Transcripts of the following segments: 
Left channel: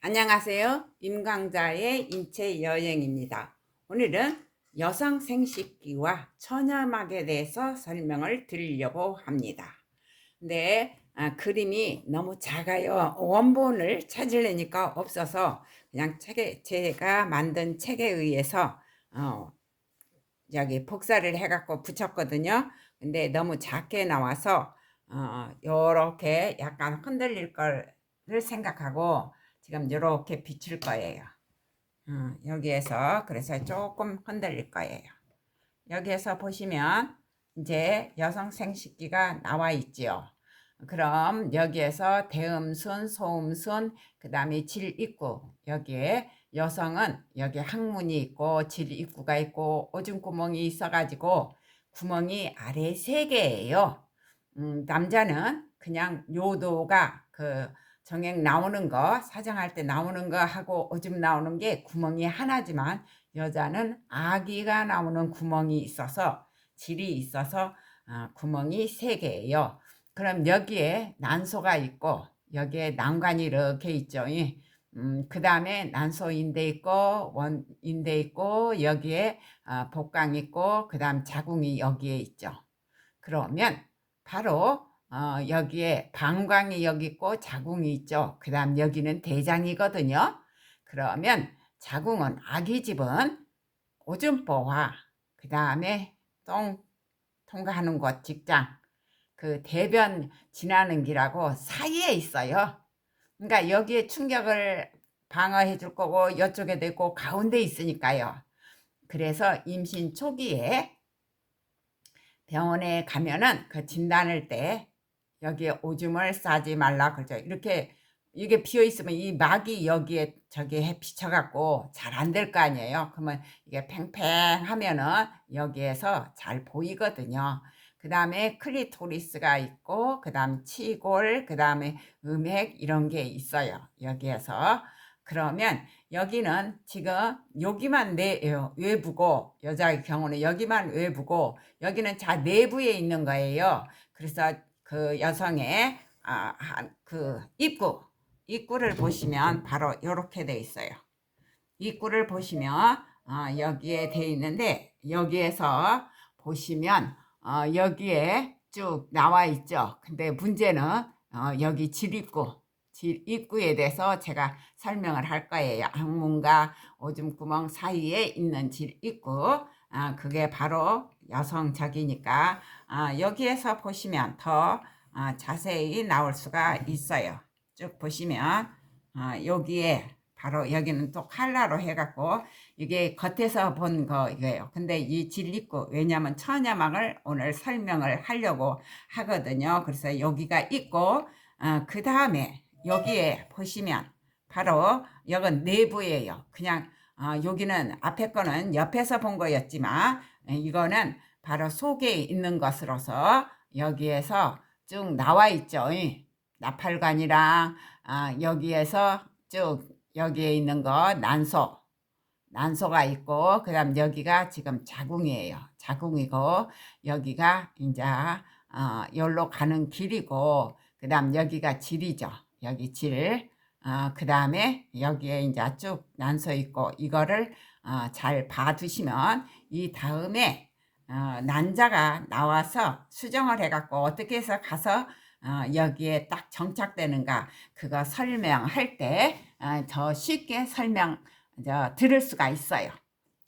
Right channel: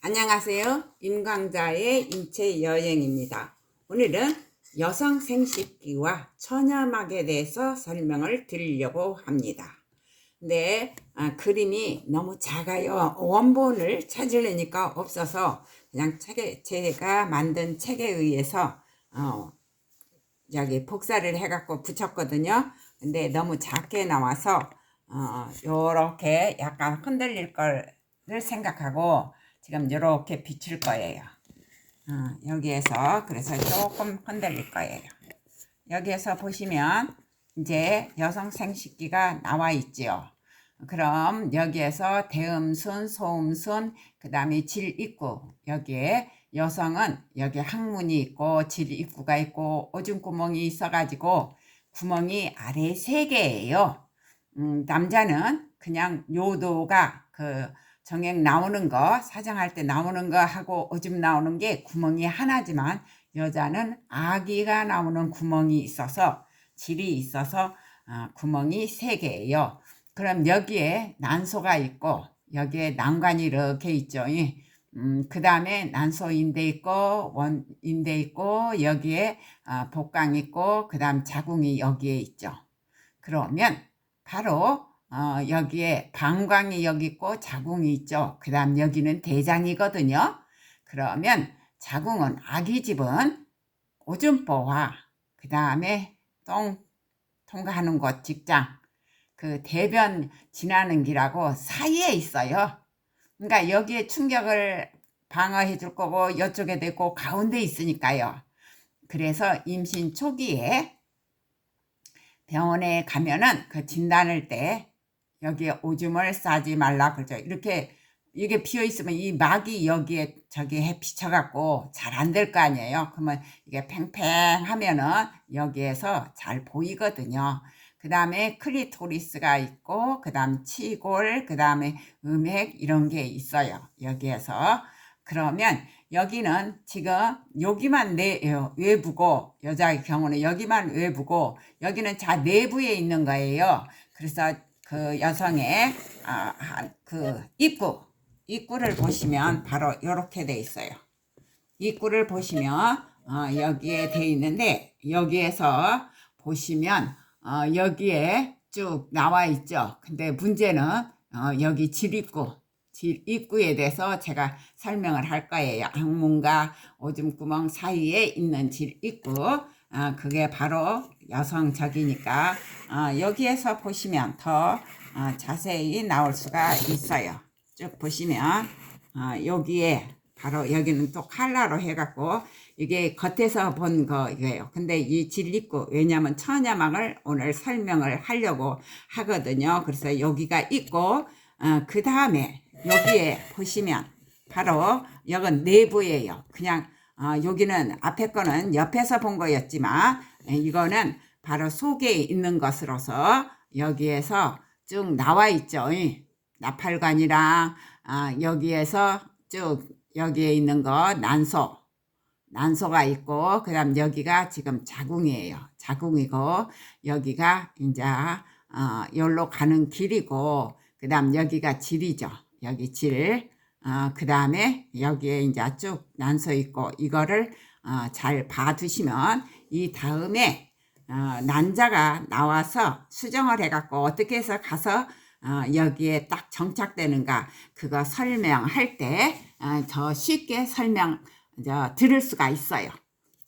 안녕하세요. 임강자의 인체 여행입니다. 오늘은 여성 생식기와 천연막에 대해서 설명을 드리려고 합니다. 근데 그림이 너무 작아요. 원본을 찾으려니까 없어서 그냥 제가 만든 책에 의해서 여기 복사를 해갖고 붙였거든요. 근데 너무 작게 나와서 요렇게 약간 흔들릴 거를 생각하고 지금 요렇게 비출 거예요. 여기에서 그래서 조금 흔들릴 거예요. 여기에서 보시면 이제 여성 생식기가 나와 있지요. 그럼 여기에서 대음순, 소음순, 그 다음에 질입구, 여기에 여성은 여기 항문이 있고 질입구가 있고 오줌구멍이 있어가지고 구멍이 아래 3개예요. 남자는 그냥 요도가 정액 나오는 거, 사정할 때 나오는 거 하고 오줌 나오는 게 구멍이 하나지만 여자는 아기가 나오는 구멍이 있어서 질이 있어서 구멍이 3개예요. 그럼 여기에 난소가 있고 여기에 난관이 이렇게 있죠. 그 다음에 난소인대 있고 원인대 있고 여기에 복강 있고 그 다음 자궁이 여기에 있죠. 그러면 바로 여기에 방광이 여기 있고 자궁이 있죠. 그 다음 여기는 대장이거든요. 그러면 자궁은 아기 집은 오줌보와 그 다음에 똥 통과하는 곳 직장 그 대변 지나는 길하고 사이에 있어요. 그러니까 여기에 충격을 방어해 줄 거고 이쪽에도 있고 가운데 있으니까요. 그래서 임신 초기에 병원에 가면은 그 진단할 때 여기에 오줌을 싸지 말라 그러죠. 이렇게 이게 비어 있으면 이 막이 여기에 저기에 비쳐갖고 잘 안 될 거 아니에요. 그러면 이게 팽팽하면은 여기에서 잘 보이거든요. 그 다음에 클리토리스가 있고 그 다음 치골 그 다음에 음핵 이런 게 있어요. 여기에서 그러면 여기는 지금 여기만 외부고 여자의 경우는 여기만 외부고 여기는 자 내부에 있는 거예요. 그래서 그 여성의 그 입구를 보시면 바로 이렇게 돼 있어요. 입구를 보시면 여기에 돼 있는데 여기에서 보시면 여기에 쭉 나와 있죠. 근데 문제는 여기 질입구에 대해서 제가 설명을 할 거예요. 항문과 오줌구멍 사이에 있는 질입구 그게 바로 여성적이니까 여기에서 보시면 더 자세히 나올 수가 있어요. 쭉 보시면 여기에 바로 여기는 또 칼라로 해갖고 이게 겉에서 본 거예요. 근데 이 질입구 왜냐하면 천여막을 오늘 설명을 하려고 하거든요. 그래서 여기가 있고 그 다음에 여기에 보시면 바로 여긴 내부예요. 그냥 여기는 앞에 거는 옆에서 본 거였지만 이거는 바로 속에 있는 것으로서 여기에서 쭉 나와 있죠. 나팔관이랑 여기에서 쭉 여기에 있는 거 난소가 있고 그 다음 여기가 지금 자궁이에요. 자궁이고 여기가 이제 여기로 가는 길이고 그 다음 여기가 질이죠. 여기 질. 그 다음에 여기에 이제 쭉 난소 있고 이거를 잘 봐두시면 이 다음에 난자가 나와서 수정을 해갖고 어떻게 해서 가서 여기에 딱 정착되는가 그거 설명할 때 더 쉽게 들을 수가 있어요.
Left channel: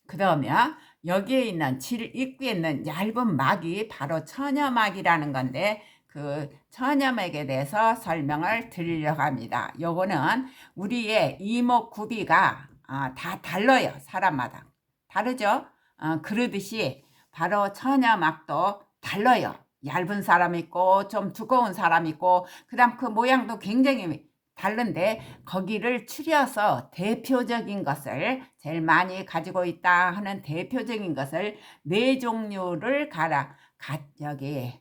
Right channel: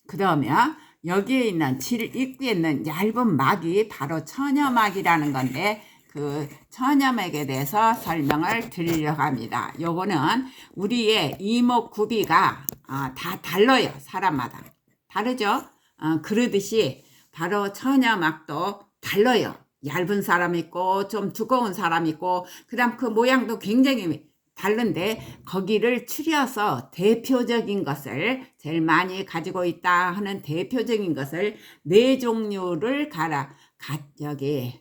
그러면 여기에 있는 질 입구에 있는 얇은 막이 바로 천여막이라는 건데 그 천여막에 대해서 설명을 드리려고 합니다. 요거는 우리의 이목구비가 다 달라요. 사람마다 다르죠. 그러듯이 바로 천여막도 달라요. 얇은 사람 있고 좀 두꺼운 사람 있고 그 다음 그 모양도 굉장히 다른데 거기를 추려서 대표적인 것을 제일 많이 가지고 있다 하는 대표적인 것을 4종류를 여기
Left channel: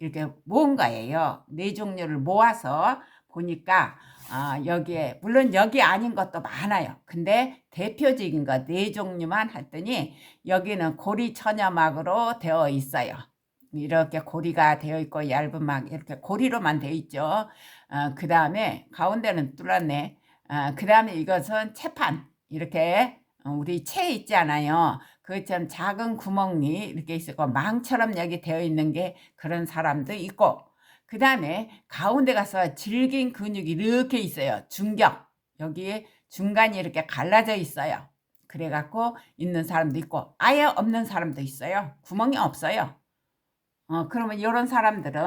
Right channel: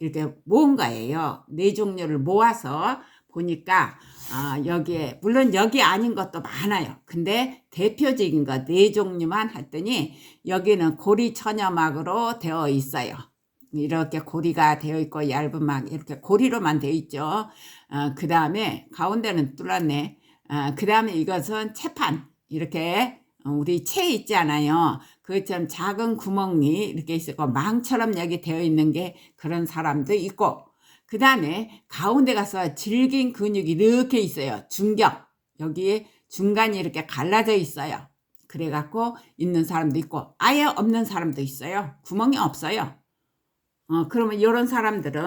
이렇게 모은 거예요. 4종류를 모아서 보니까 여기에 물론 여기 아닌 것도 많아요. 근데 대표적인 거 4종류만 했더니 여기는 고리천여막으로 되어 있어요. 이렇게 고리가 되어 있고 얇은 막 이렇게 고리로만 되어 있죠. 그 다음에 가운데는 뚫었네. 그 다음에 이것은 채판. 이렇게 우리 채 있잖아요. 그처럼 작은 구멍이 이렇게 있고 망처럼 여기 되어 있는 게 그런 사람도 있고, 그 다음에 가운데 가서 질긴 근육이 이렇게 있어요. 중격. 여기에 중간이 이렇게 갈라져 있어요. 그래갖고 있는 사람도 있고 아예 없는 사람도 있어요. 구멍이 없어요. 그러면 이런 사람들은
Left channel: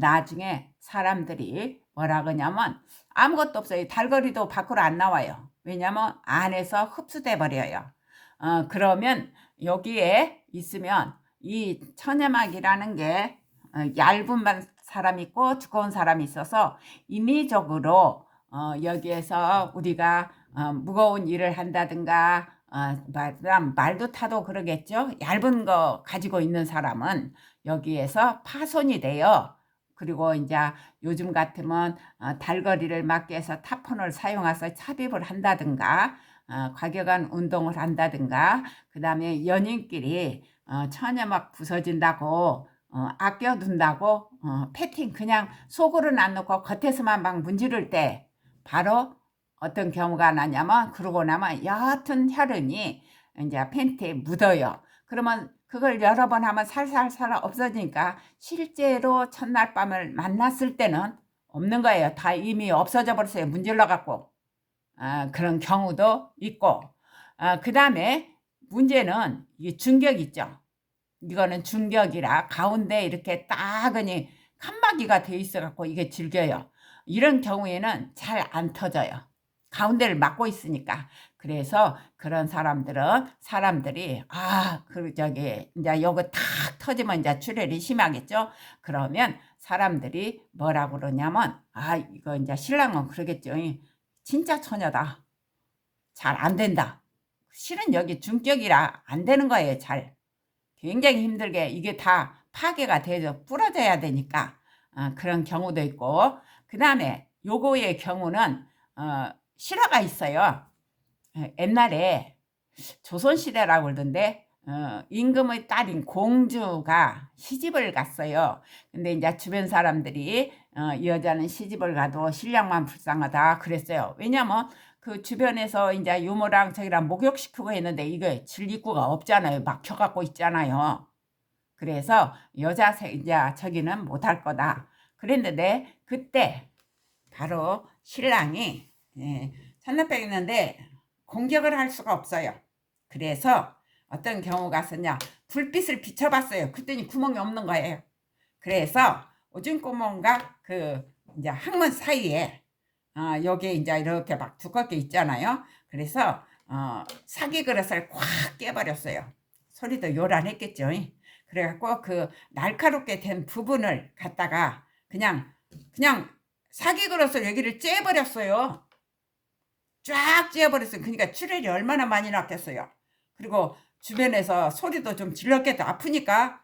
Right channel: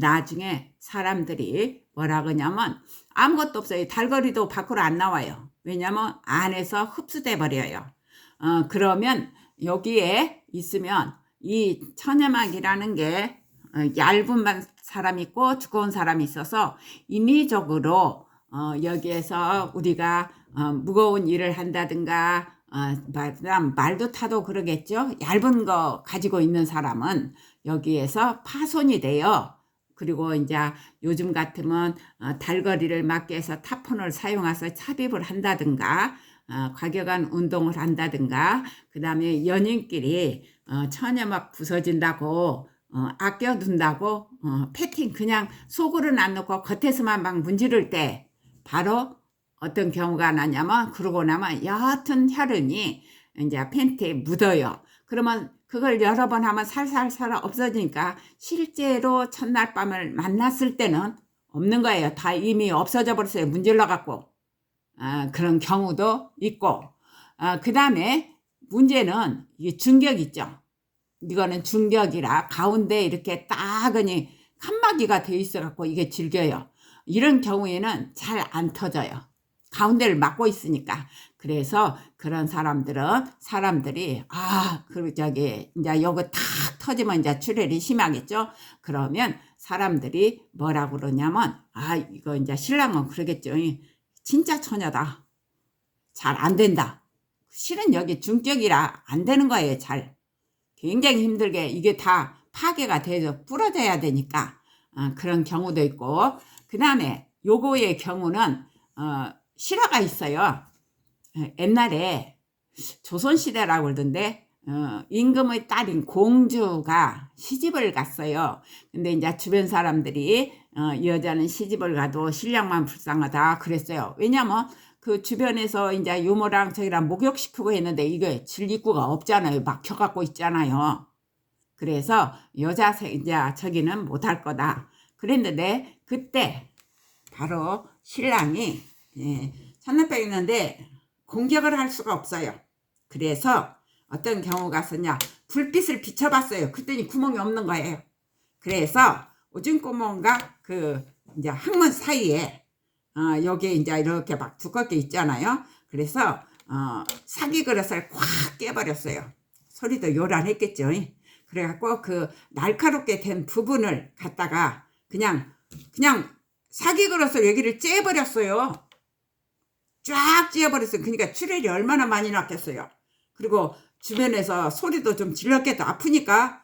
나중에 사람들이 뭐라 그러냐면 아무것도 없어요. 달거리도 밖으로 안 나와요. 왜냐면 안에서 흡수돼 버려요. 그러면 여기에 있으면 이 천여막이라는 게 얇은 사람이 있고 두꺼운 사람이 있어서 임의적으로 여기에서 우리가 무거운 일을 한다든가 말도 타도 그러겠죠. 얇은 거 가지고 있는 사람은 여기에서 파손이 돼요. 그리고 이제 요즘 같으면 달거리를 막기 위해서 타폰을 사용해서 삽입을 한다든가 과격한 운동을 한다든가, 그 다음에 연인끼리 천여막 부서진다고 아껴둔다고 패팅 그냥 속으로는 안 넣고 겉에서만 막 문지를 때 바로 어떤 경우가 나냐면 그러고 나면 옅은 혈흔이 이제 팬티에 묻어요. 그러면 그걸 여러 번 하면 살살살 없어지니까 실제로 첫날 밤을 만났을 때는 없는 거예요. 다 이미 없어져 버렸어요. 문질러 갖고. 그런 경우도 있고, 그 다음에 문제는 이게 중격 있죠. 이거는 중격이라 가운데 이렇게 따그니 칸막이가 돼 있어 갖고 이게 질겨요. 이런 경우에는 잘 안 터져요. 가운데를 막고 있으니까. 그래서 그런 사람들이 저기 이제 요거 탁 터지면 이제 출혈이 심하겠죠. 그러면 사람들이 뭐라고 그러냐면 이거 이제 신랑은 그러겠죠. 진짜 처녀다. 잘 안 된다. 실은 여기 중격이라 안 되는 거예요. 잘. 굉장히 힘들게 이게 다 파괴가 돼서 부러져야 되니까 그런 경우도 있고, 그 다음에 요거의 경우는 실화가 있어요. 옛날에 조선시대라고 그러던데 임금의 딸인 공주가 시집을 갔어요. 근데 이제 주변 사람들이 이 여자는 시집을 가도 신랑만 불쌍하다 그랬어요. 왜냐면 그 주변에서 이제 유모랑 저기랑 목욕시키고 했는데 이게 질기구가 없잖아요. 막혀갖고 있잖아요. 그래서 여자 이제 저기는 못할 거다 그랬는데, 그때 바로 신랑이 천남병 있는데 공격을 할 수가 없어요. 그래서 어떤 경우가 있었냐, 불빛을 비춰봤어요. 그랬더니 구멍이 없는 거예요. 그래서 오줌 구멍과 그 이제 항문 사이에 여기에 이제 이렇게 막 두껍게 있잖아요. 그래서 사기 그릇을 콱 깨버렸어요. 소리도 요란했겠죠. 그래갖고 그 날카롭게 된 부분을 갖다가 그냥 사기 그릇을 여기를 째버렸어요. 쫙 째버렸어요. 그러니까 출혈이 얼마나 많이 났겠어요. 그리고 주변에서 소리도 좀 질렀겠다. 아프니까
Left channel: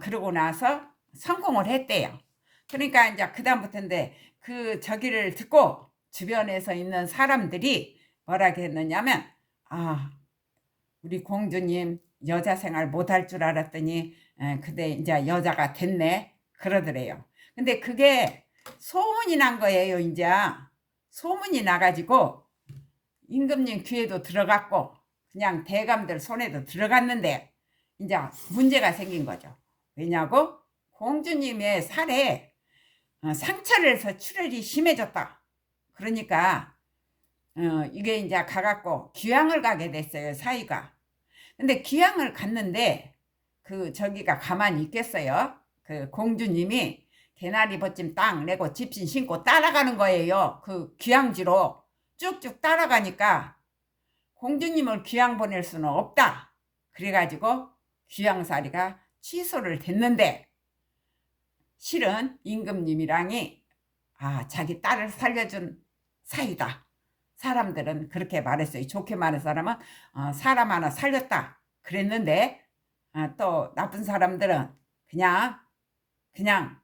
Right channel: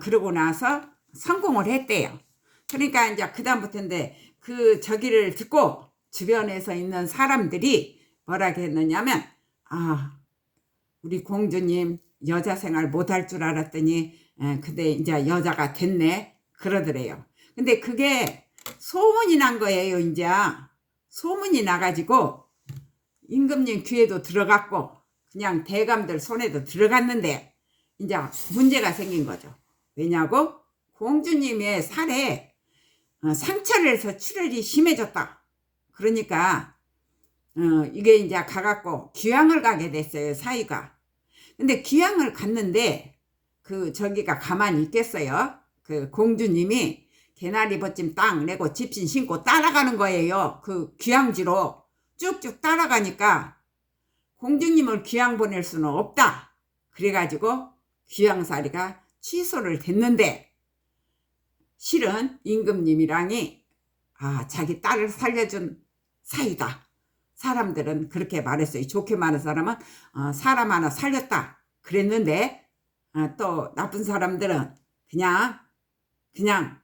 그러고 나서 성공을 했대요. 그러니까 이제 그 다음부터인데 그 저기를 듣고 주변에서 있는 사람들이 뭐라 했느냐면 우리 공주님 여자 생활 못할 줄 알았더니 근데 이제 여자가 됐네 그러더래요. 근데 그게 소문이 난 거예요. 이제 소문이 나가지고 임금님 귀에도 들어갔고 그냥 대감들 손에도 들어갔는데 이제 문제가 생긴 거죠. 왜냐고? 공주님의 살에 상처를 해서 출혈이 심해졌다. 그러니까 이게 이제 가갖고 귀향을 가게 됐어요. 사위가. 근데 귀향을 갔는데 그 저기가 가만히 있겠어요. 그 공주님이 개나리 벗짐 딱 내고 집신 신고 따라가는 거예요. 그 귀향지로 쭉쭉 따라가니까 공주님을 귀향 보낼 수는 없다. 그래가지고 귀향살이가 취소를 됐는데, 실은 임금님이랑이 자기 딸을 살려준 사위다. 사람들은 그렇게 말했어요. 좋게 말한 사람은 사람 하나 살렸다 그랬는데, 또 나쁜 사람들은 그냥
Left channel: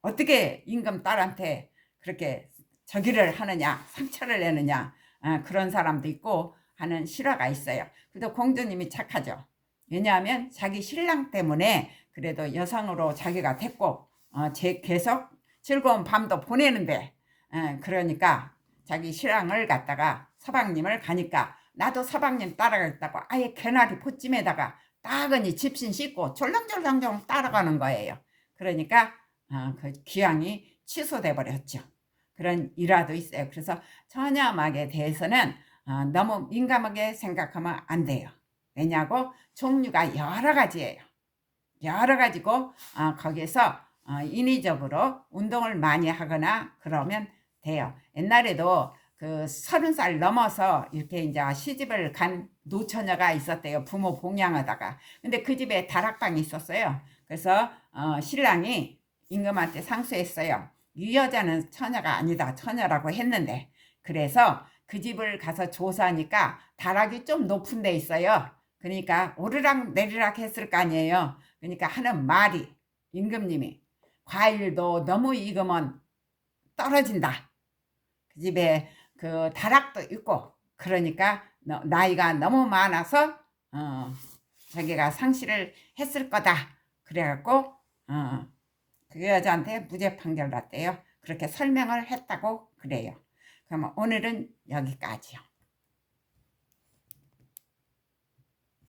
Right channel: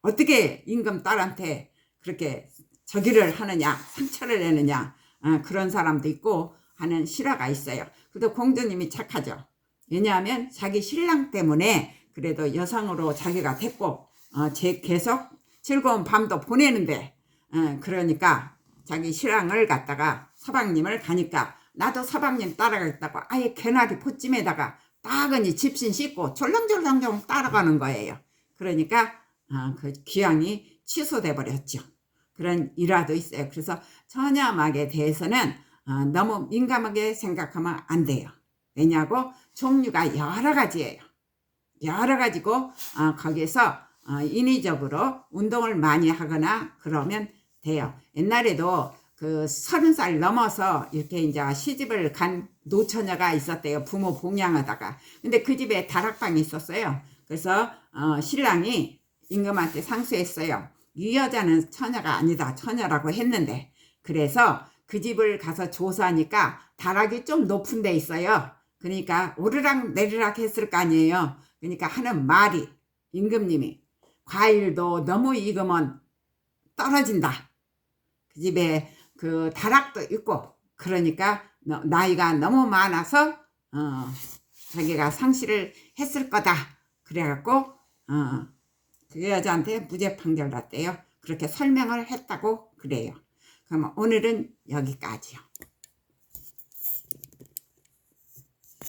어떻게 임금 딸한테 그렇게 저기를 하느냐, 상처를 내느냐, 그런 사람도 있고 하는 실화가 있어요. 그래도 공주님이 착하죠. 왜냐하면 자기 신랑 때문에 그래도 여성으로 자기가 됐고 계속 즐거운 밤도 보내는데, 그러니까 자기 신랑을 갖다가 서방님을 가니까 나도 서방님 따라가겠다고 아예 개나리 포찜에다가 따근히 집신 씻고 졸랑졸랑 따라가는 거예요. 그러니까 그 귀향이 취소돼 버렸죠. 그런 일화도 있어요. 그래서 처녀막에 대해서는 너무 민감하게 생각하면 안 돼요. 왜냐고 종류가 여러 가지예요. 여러 가지고 거기서 인위적으로 운동을 많이 하거나 그러면 돼요. 옛날에도 그 30살 넘어서 이렇게 이제 시집을 간 노처녀가 있었대요. 부모 봉양하다가. 근데 그 집에 다락방이 있었어요. 그래서 신랑이 임금한테 상수했어요. 이 여자는 처녀가 아니다. 처녀라고 했는데 그래서 그 집을 가서 조사하니까 다락이 좀 높은 데 있어요. 그러니까 오르락 내리락 했을 거 아니에요. 그러니까 하는 말이 임금님이 과일도 너무 익으면 떨어진다. 그 집에 그 다락도 있고 그러니까 나이가 너무 많아서 자기가 상실을 했을 거다. 그래갖고 그 여자한테 무죄 판결 났대요. 그렇게 설명을 했다고 그래요. 그럼 오늘은 여기까지요.